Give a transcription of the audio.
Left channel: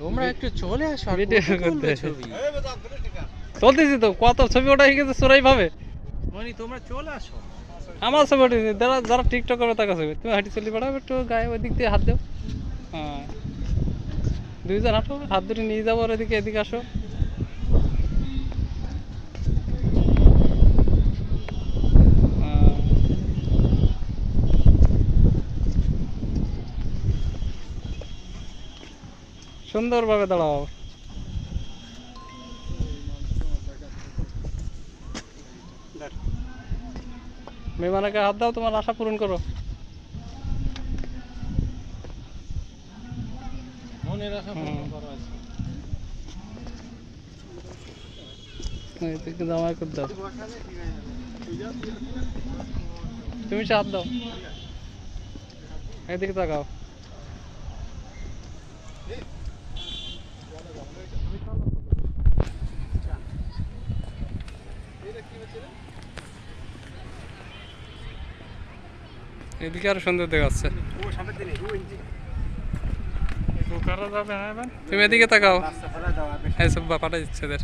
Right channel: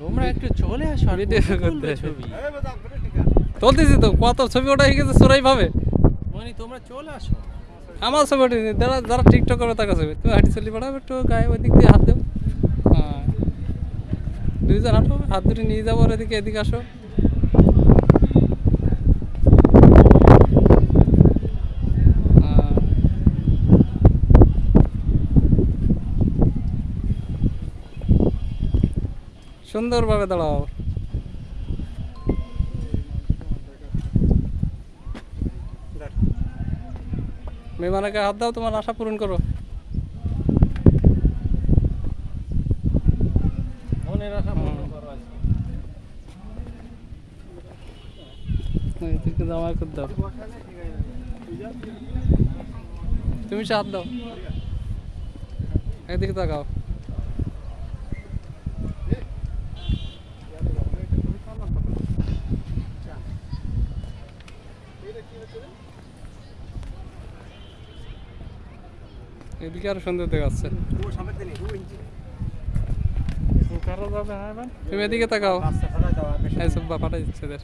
তোমরা একটু চলে আসো আর ভিডিও কত তুলবে করতে ছবি। তুলতেছি তো, কত ছবি ওটা হয়ে গেছে চোরাই ভাবে। মনি তোমরা চলে আসো। আমার ছবি উঠেছে, যারা যারা টিকটক করবে তার ছবি। তুমি হাঁটি চলি পাঠাবে একটু গায়ে, ওই দিক দিয়ে হাত দেও। হ্যাঁ, দুইজন হাঁটো, হাত ধরে নিয়ে যাবো ওর এদিকে, এদিকে আসো। হ্যাঁ, সুন্দরভাবে দাঁড়াও। মেহমানকে হাত দাও, তোমার আশা পূরণ করো। মনের আশা পূর্ণ করো আজকে। এদিকে জামাই করে দাও, তুমি সে হাত দাও, এদিকে তাকাও। এদিকে আরো সুন্দর দেখাচ্ছে। তুমি এদিকে তাকাও, এইসব পাঠাই দিচ্ছে এদের।